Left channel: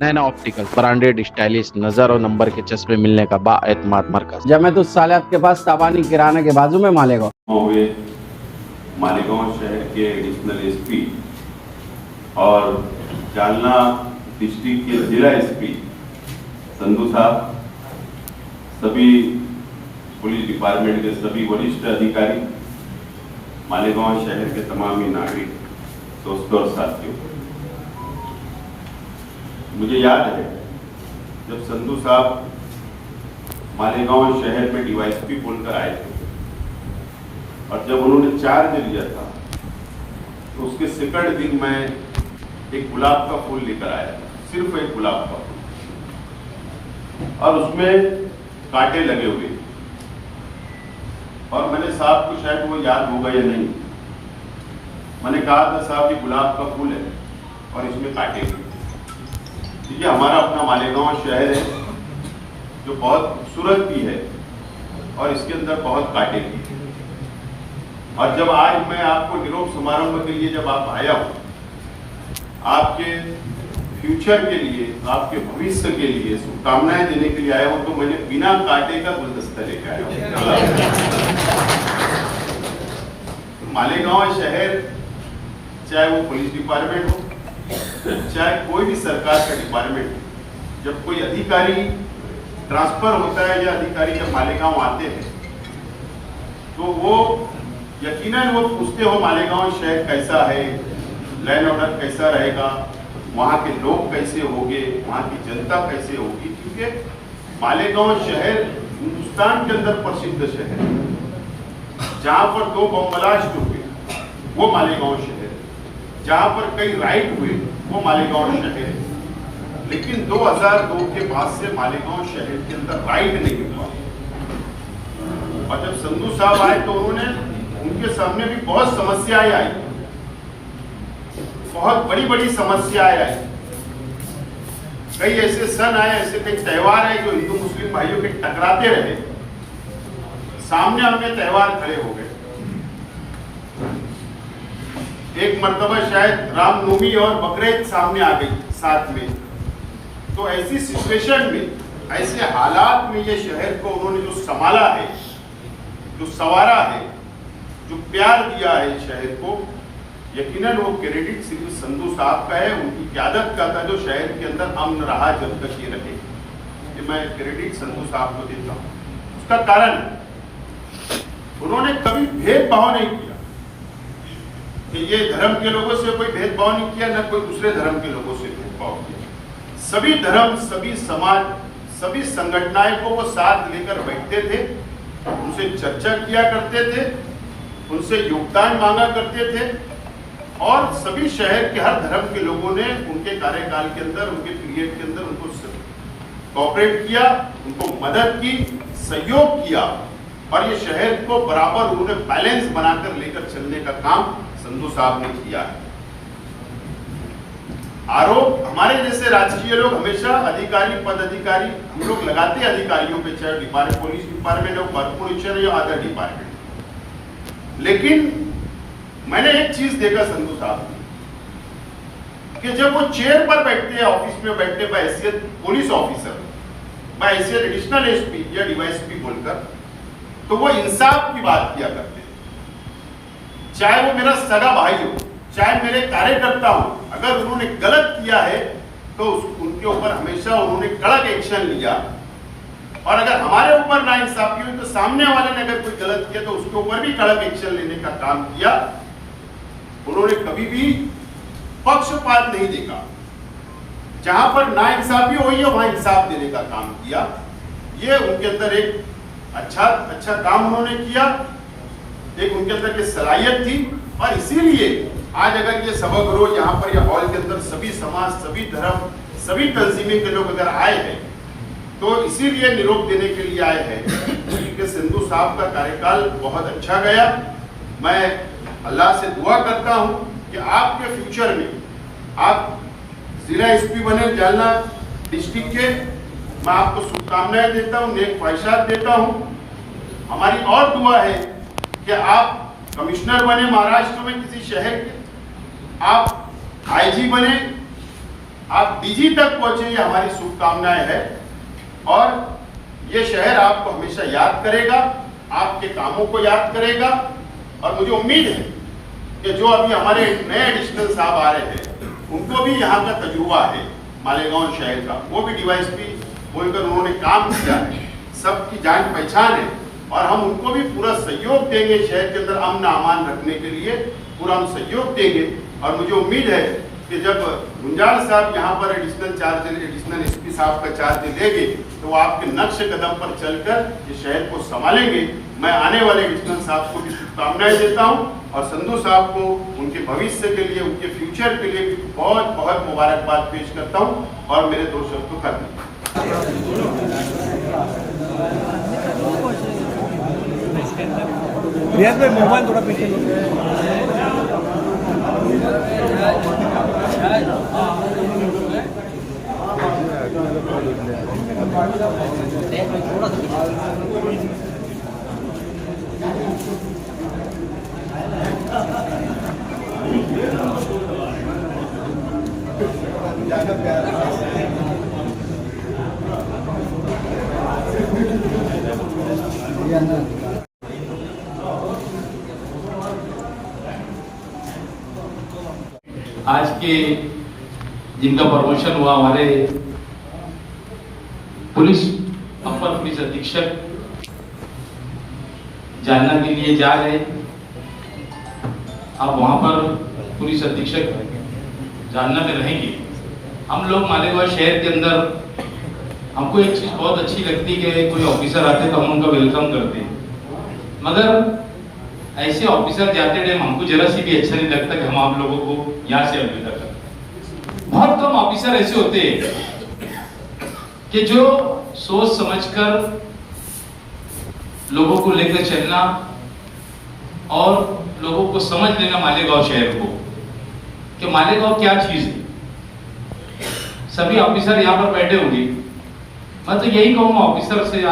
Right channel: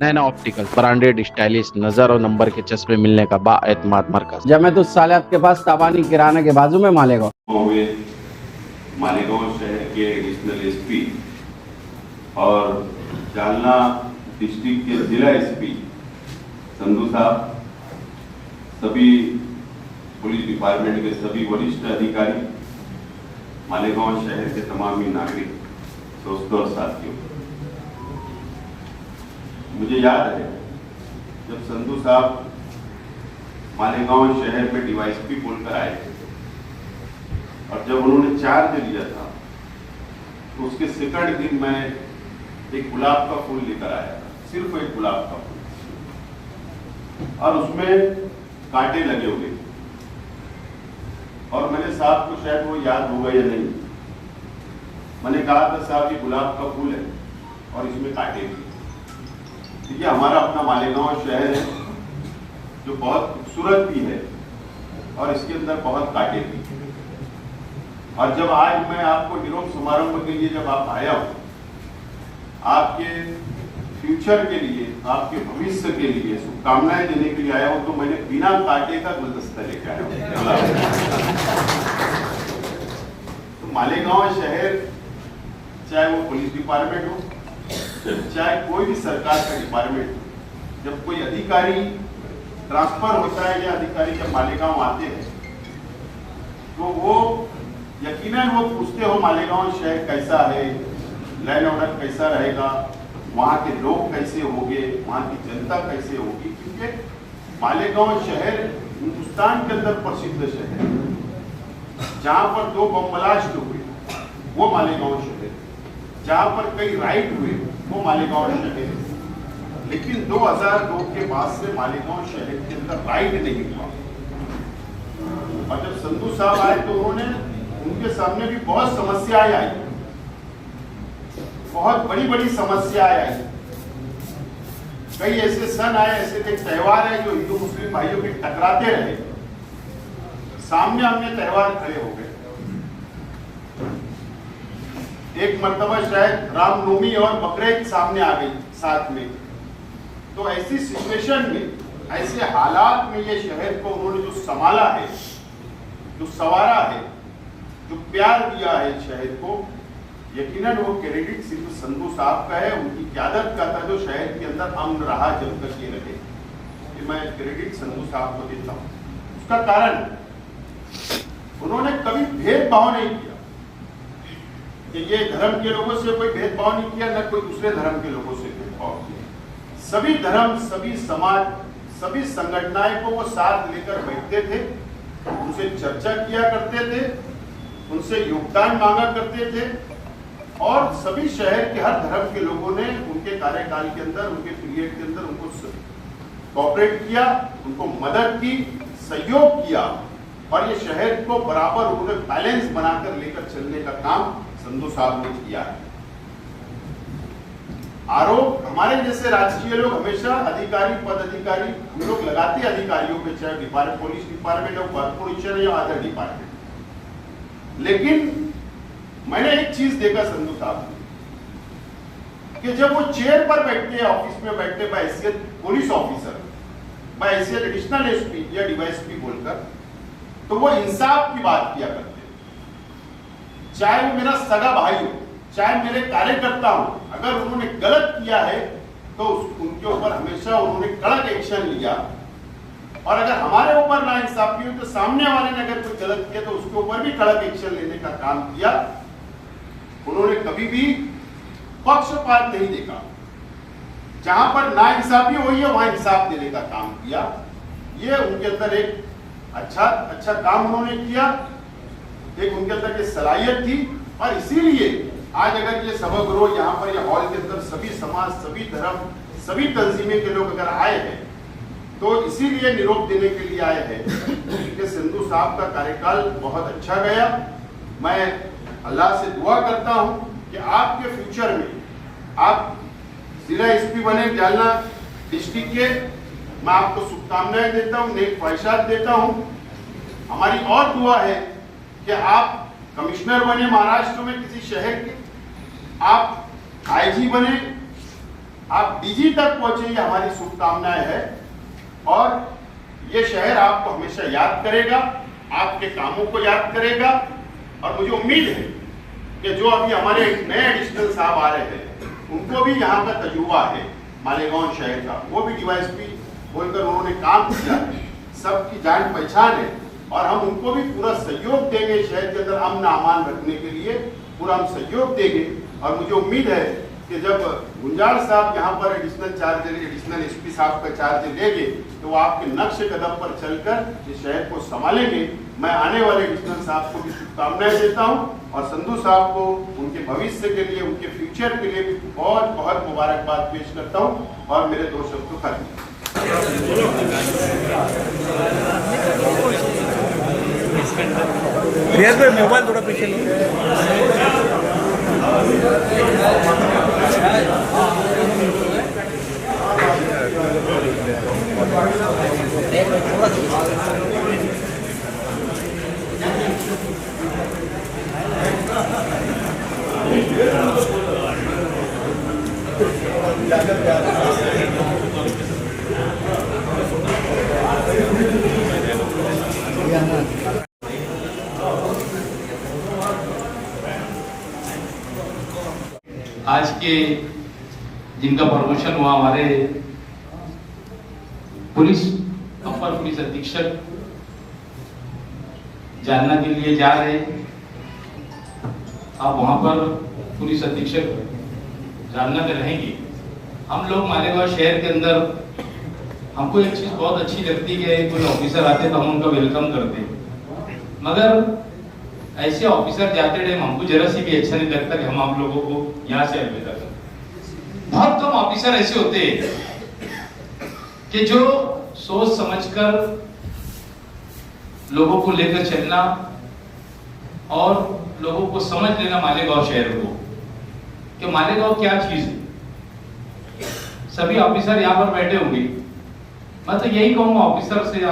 नैना optical branded stylish नजर और number के चश्मे मिलने का बाएतमाद मरकज। जब मैं तो सालियात के पास ताबानी किराना के बाजू में मालेगा हुए मालेगांव शहर के एडिशनल एसपी और जालना डिस्ट्रिक्ट के जिला एसपी संधू साहब, सभी पुलिस डिपार्टमेंट के सभी वरिष्ठ अधिकारी, मालेगांव शहर के तमाम ही नागरिक, दोस्तों और साथियों, मुझे याद है जब संधू साहब मालेगांव शहर में डीवाईएसपी बोलकर आए थे और जब उन्होंने चार्ज लिया था तो उसके सेकंड दिन मैं एक गुलाब का फूल लेकर आया था, सिर्फ एक गुलाब का फूल, और उसमें कांटे लगे हुए। और मैंने साहब को, शायद वो याद होगा या नहीं, मैंने कहा था साहब ये गुलाब का फूल है और इसमें कांटे हैं। देखिए, हमारा अपना मालेगांव शहर है जो बहुत खूबसूरत भी है और इसके अंदर बहुत कांटे भी हैं। और जब आज मैं आपको निरोप समारोह के लिए जब आप आया हूं, आपके फ्यूचर के लिए, आपके भविष्य के लिए शुभकामनाएं देने के लिए आया हूं, तो मैंने बिना कांटे का गुलदस्ता लेकर आया हूं। मालेगांव शहर, चाहे वो पुलिस डिपार्टमेंट हो, चाहे कोई भी सरकार का डिपार्टमेंट हो, जब कोई अधिकारी ट्रांसफर होता है या अधिकारी जब मालेगांव आते हैं तो वो यकीनन वो पूछते हो मालेगांव शहर कैसा है, लैंड ऑर्डर कैसा रहेगा, वहाँ के लोग कैसे होंगे, वहाँ की जनता कैसे होगी, क्योंकि मालेगांव शहर हिंदुस्तान के अंदर प्रसिद्ध शहर है। जहाँ पर 2 बम ब्लास्ट हुए वो मालेगांव शहर है, जहाँ पर कई राइड हुए वो मालेगांव शहर है। लेकिन 2002 के बाद से मालेगांव शहर के अंदर राइड नहीं हुआ। और जब संधू साहब आए तो उनके सामने भी बहुत समस्याएं आई, बहुत बड़ी बड़ी समस्याएं आई। कई ऐसे सन आए, ऐसे कई त्योहार आए जो हिंदू मुस्लिम भाइयों के टकराते रहे, सामने आमने त्योहार खड़े हो गए। एक मर्तबा शायद रामनवमी और बकरीद सामने आ गई साथ में। तो ऐसी सिचुएशन में, ऐसे हालात में ये शहर को उन्होंने जो संभाला है, जो संवारा है, जो प्यार दिया है शहर को, यकीनन वो क्रेडिट सिर्फ संधू साहब का है, उनकी क़यादत का था जो शहर के अंदर अमन रहा जब तक ये रहे। ये मैं क्रेडिट संधू साहब को देता हूँ। उसका कारण उन्होंने कभी भेदभाव नहीं किया कि ये धर्म के लोगों से कोई भेदभाव नहीं किया, न कोई दूसरे धर्म के लोगों से भेदभाव किया। सभी धर्म, सभी समाज, सभी संगठनाएं को वो साथ लेकर बैठते थे, उनसे चर्चा किया करते थे, उनसे योगदान मांगा करते थे। और सभी शहर के हर धर्म के लोगों ने उनके कार्यकाल के अंदर, उनके पीरियड के अंदर उनको कोऑपरेट किया, उनको मदद की, सहयोग किया। और ये शहर को बराबर उन्होंने बैलेंस बनाकर लेकर चलने का काम संधू साहब ने किया है। आरोप हमारे जैसे राजकीय लोग हमेशा अधिकारी, पद अधिकारी हम लोग लगाते अधिकारियों पे, चाहे पुलिस डिपार्टमेंट हो, कॉर्पोरेशन या अदर डिपार्टमेंट। लेकिन मैंने एक चीज देखा संधू साहब कि जब वो चेयर पर बैठते हैं, ऑफिस में बैठते बहैसियत पुलिस ऑफिसर, बहैसियत एडिशनल एसपी या डीवाईएसपी बोलकर, तो वो इंसाफ की बात किया करते। चाहे वो मेरा सगा भाई हो, चाहे मेरे कार्यकर्ता हो, अगर उन्होंने गलत किया है तो उनके ऊपर हमेशा उन्होंने कड़क एक्शन लिया। और अगर हमारे ऊपर नाइंसाफी हुई तो सामने वाले ने अगर कोई गलत किया तो उसके ऊपर भी कड़क एक्शन लेने का काम किया। उन्होंने कभी भी पक्षपात नहीं देखा, जहां पर नाइंसाफी हुई है वहां इंसाफ देने का काम किया। ये उनके अंदर एक अच्छा काम उन्होंने किया, एक उनके अंदर ये सलाहियत थी। और इसीलिए आज अगर ये सभागृह यहाँ पर या हॉल के अंदर सभी समाज, सभी धर्म, सभी तंजीमें के लोग अगर आए हैं तो इसीलिए निरोप देने के लिए आए हैं क्योंकि संधू साहब का कार्यकाल बहुत अच्छा गया। मैं अल्लाह से दुआ करता हूं कि आपके फ्यूचर में आप जिला एसपी बने जालना डिस्ट्रिक्ट के। मैं आपको शुभकामनाएं देता हूं, नेक ख्वाहिशात देता हूं। हमारी और दुआ है कि आप कमिश्नर बने महाराष्ट्र में किसी शहर के, आप आईजी बने, आप डीजी तक पहुंचे, ये हमारी शुभकामनाएं है। और ये शहर आपको हमेशा याद करेगा, आपके कामों को याद करेगा। और मुझे उम्मीद है कि जो अभी हमारे नए एडिशनल साहब आ रहे हैं, उनको भी यहाँ का तजुर्बा है मालेगांव शहर का, वो भी डीवाईएसपी बोलकर उन्होंने काम किया है, सबकी जान पहचान है। और हम उनको भी पूरा सहयोग देंगे, शहर के अंदर अमन अमान रखने के लिए पूरा हम सहयोग देंगे। और मुझे उम्मीद है कि जब गुंजाल साहब यहाँ पर एडिशनल एसपी साहब का चार्ज लेंगे तो वो आपके नक्श कदम पर चलकर इस शहर को संभालेंगे। मैं आने वाले एडिशनल साहब को भी शुभकामनाएं देता हूँ और संधू साहब को उनके भविष्य के लिए, उनके फ्यूचर के लिए भी बहुत बहुत मुबारकबाद पेश करता हूँ। और मेरे 2 शब्द को खत्म। रियाज भाई मोबाइल थोड़ा पीछे लो। आज के जिनका प्रमोशन हुआ, हमारे अपर पुलिस अधीक्षक जानना के लिए जा रहे। आप वहां पर पुलिस अधीक्षक जानना में रहेंगे। हम लोग मालेगांव शहर के अंदर हमको एक चीज बहुत अच्छी लगती है कि कोई ऑफिसर आते तो हम उनका वेलकम करते, मगर ऐसे ऑफिसर जाते टाइम हमको जरा सी भी अच्छा नहीं लगता कि हम आप लोगों को यहाँ से अलविदा करते। बहुत कम ऑफिसर ऐसे होते हैं कि जो सोच समझकर लोगों को लेकर चलना और लोगों को समझ लेना मालेगांव शहर को कि मालेगांव क्या चीज है। सभी ऑफिसर यहाँ पर बैठे होंगे, मैं तो यही कहूंगा ऑफिसर से,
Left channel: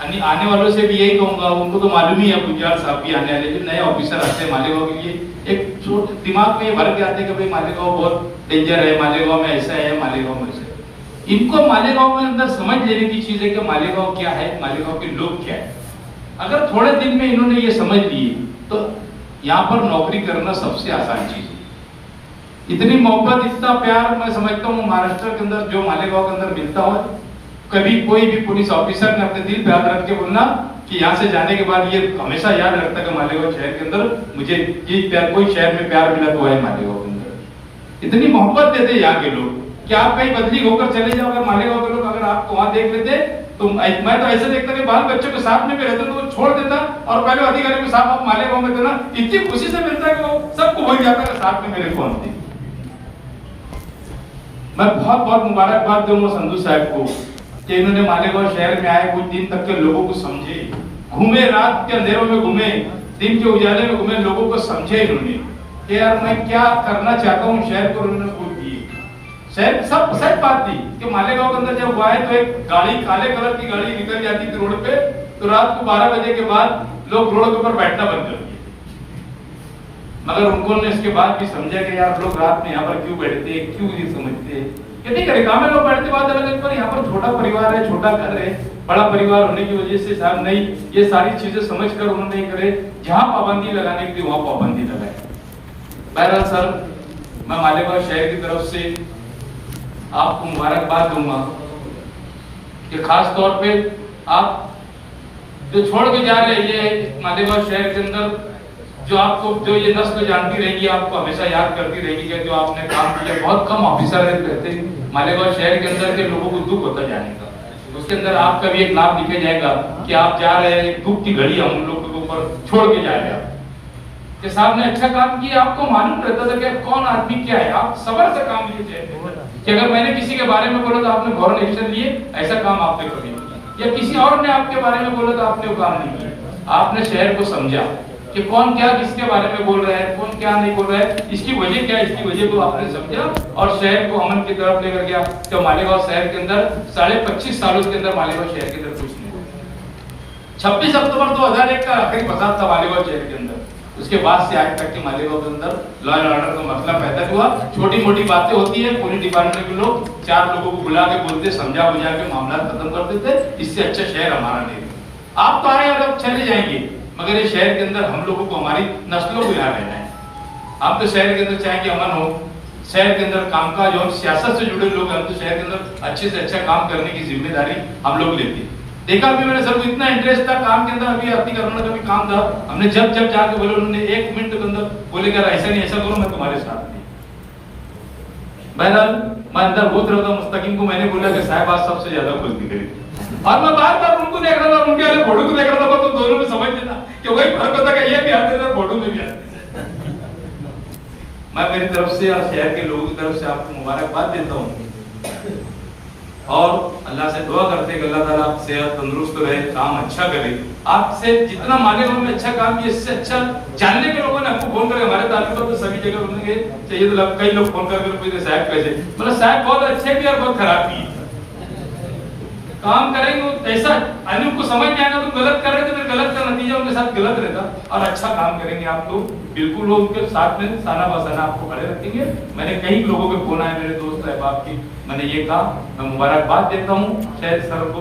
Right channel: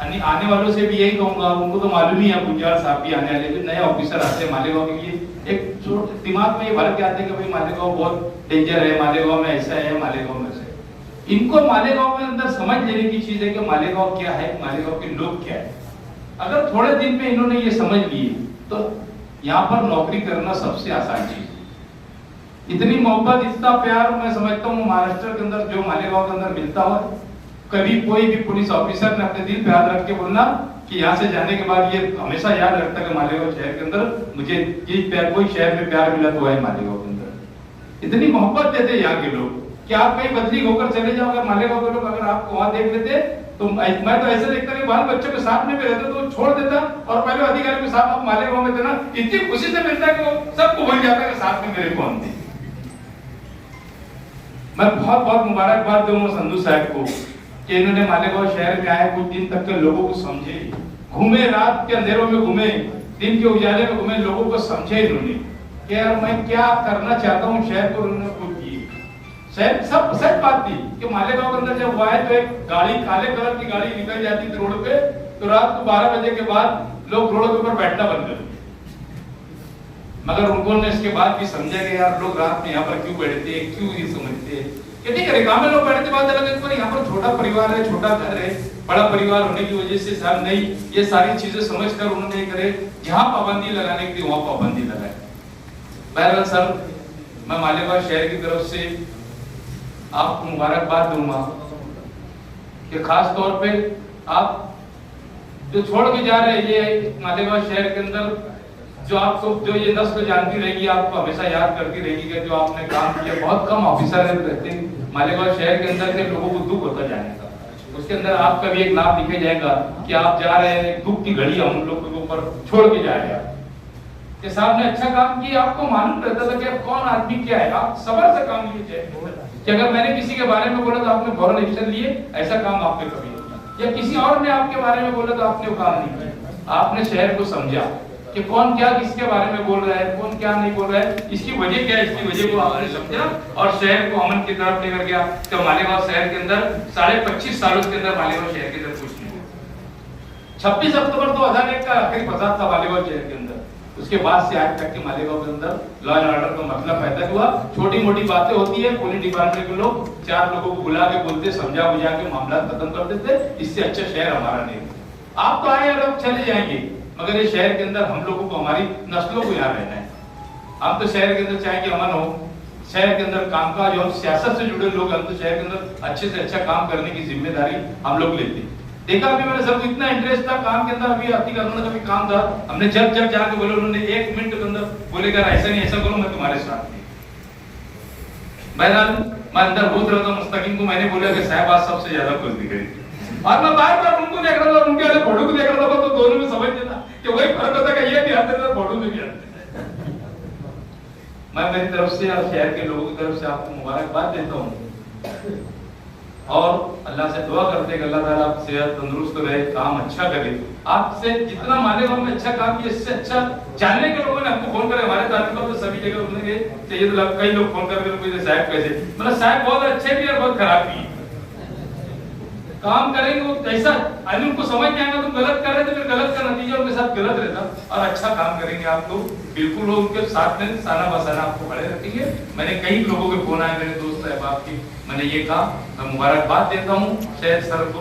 आने वालों से भी यही कहूंगा, उनको तो मालूम ही है गुंजाल साहब भी आने वाले, नए ऑफिसर आते हैं मालेगांव के लिए, एक दिमाग में ये भर के आते हैं कि भाई मालेगांव बहुत डेंजर है, मालेगांव में ऐसा है, मालेगांव में ऐसा है। इनको मालेगांव में अंदर समझ लेने की चीज है कि मालेगांव क्या है, मालेगांव के लोग क्या है। अगर थोड़े दिन में इन्होंने ये समझ लिए तो यहाँ पर नौकरी करना सबसे आसान चीज है। इतनी मोहब्बत, इतना प्यार मैं समझता हूँ महाराष्ट्र के अंदर जो मालेगांव के अंदर मिलता हो, कभी कोई भी पुलिस ऑफिसर ने अपने दिल पे हाथ रख के बोलना कि यहाँ से जाने के बाद ये हमेशा याद रखता है कि मालेगांव शहर के अंदर मुझे ये प्यार, कोई शहर में प्यार मिला तो है मालेगांव के अंदर। इतनी मोहब्बत देते यहाँ के लोग कि आप कहीं बदली होकर चले जाओ, अगर मालेगांव के लोग अगर आपको वहां देख लेते तो मैं तो ऐसे देखता कि बाल बच्चों के साथ में भी रहते तो छोड़ देता और पहले अधिकारी के साथ आप मालेगांव में थे ना, इतनी खुशी से मिलता कि वो सबको भूल जाता है साथ में मेरे को हम थे। मैं बहुत बहुत मुबारकबाद दूंगा संधू साहब को कि इन्होंने मालेगांव शहर में आए, कुछ दिन तक के लोगों को समझे, घूमे, रात के अंधेरों में घूमे, दिन के उजाले में घूमे, लोगों को समझे इन्होंने कि यार मैं क्या करना चाहता हूँ शहर को। उन्होंने कुछ किए, शहर सब सच बात थी कि मालेगांव के अंदर जब वो आए तो एक गाड़ी, काले कलर की गाड़ी निकल जाती थी रोड पे, तो रात को 12 बजे के बाद लोग रोड के ऊपर बैठना बंद कर दिया। मगर उन्होंने इसके बाद भी समझा कि यार लोग रात में यहाँ पर क्यों बैठते हैं, क्यों ये समझते हैं कि नहीं करेगा। हमें लोग बैठते बात अलग है, पर यहाँ पर छोटा परिवार है, छोटा घर है, बड़ा परिवार होने की वजह से साहब नहीं ये सारी चीजें समझकर उन्होंने करे जहां पाबंदी लगाने की वहां पाबंदी लगाए। बहरहाल सर, मैं मालेगांव शहर की तरफ से आपको मुबारकबाद दूंगा कि खास तौर पे आप जो छोड़ के जा रहे हैं मालेगांव शहर के अंदर, जो आपको जो ये नस्ल जानती रहेगी, आपको हमेशा याद करती रहेगी कि जो आपने काम किया। बहुत कम ऑफिसर रहते हैं मालेगांव शहर के अंदर के लोगों को दुख होता जाने का, उसके अंदर आपका भी एक नाम लिखा जाएगा कि आप जा रहे हैं, दुख की घड़ी हम लोग के ऊपर छोड़ के जा रहे हैं कि साहब ने अच्छा काम किया। आपको मालूम रहता था कि कौन आदमी क्या है, आप सबर से काम लिए कि अगर मैंने किसी के बारे में बोला तो आपने फौरन एक्शन लिए, ऐसा काम आपने कभी नहीं किया, या किसी और ने आपके बारे में बोला तो आपने वो काम नहीं किया। आपने शहर को समझा कि कौन क्या किसके बारे में बोल रहा है, कौन क्या नहीं बोल रहा है, इसकी वजह क्या है, इसकी वजह को आपने समझा और शहर को अमन की तरफ लेकर गया। तो मालेगांव शहर के अंदर 25.5 सालों के अंदर मालेगांव शहर के अंदर कुछ नहीं हुआ। 26 अक्टूबर 2001 का आखिरी फसाद था मालेगांव शहर के अंदर, उसके बाद से आज तक के मालेगांव के अंदर लॉ एंड ऑर्डर का मसला पैदा हुआ। छोटी मोटी बातें होती है, पुलिस डिपार्टमेंट के लोग 4 लोगों को बुला के बोलते, समझा बुझा के मामला खत्म कर देते। इससे अच्छा शहर हमारा नहीं। आप तो आए और चले जाएंगे, मगर ये शहर के अंदर हम लोगों को, हमारी नस्लों को यहाँ रहना है। हम तो शहर के अंदर चाहेंगे अमन हो, शहर के अंदर कामकाज और सियासत से जुड़े लोग, हम तो शहर के अंदर अच्छे से अच्छा काम करने की जिम्मेदारी हम लोग लेते हैं। देखा अभी मैंने सर को इतना इंटरेस्ट था काम के अंदर, अभी आती करना का भी काम था, हमने जब जाके बोले, उन्होंने 1 मिनट के अंदर बोले कि ऐसा नहीं ऐसा करो, मैं तुम्हारे साथ नहीं। बहरहाल मैं अंदर बोल रहा था, मुस्तकीम को मैंने बोला कि साहब आज सबसे ज्यादा खुश दिख रही, और मैं बार बार उनको देख रहा था, उनके वाले फोटो को देख रहा था, तो दोनों में समझ लेता कि वही फर्क होता है, ये भी आते थे फोटो में भी आते थे। मैं मेरी तरफ से और शहर के लोगों की तरफ से आपको मुबारकबाद देता हूँ और अल्लाह से दुआ करते हैं कि अल्लाह ताला आप सेहत तंदुरुस्त रहे, काम अच्छा करे। आपसे जितना मालेगांव में अच्छा काम किया, इससे अच्छा जानने के लोगों ने आपको फोन करके, हमारे ताल्लुकात तो सभी जगह बोलने के चाहिए, तो कई लोग फोन करके पूछते साहब कैसे, मतलब साहब बहुत अच्छे भी और बहुत खराब भी काम करेंगे। वो कैसा उनको समझ नहीं आएगा, तो गलत कर रहे थे, फिर गलत का नतीजा उनके साथ गलत रहता। और अच्छा काम करेंगे आप लोग, बिल्कुल वो उनके साथ में साना बसाना आपको खड़े रखेंगे। मैंने कई लोगों के फोन आए, मेरे दोस्त साहब आपकी, मैंने ये कहा, मैं मुबारकबाद देता हूँ शहर सर को।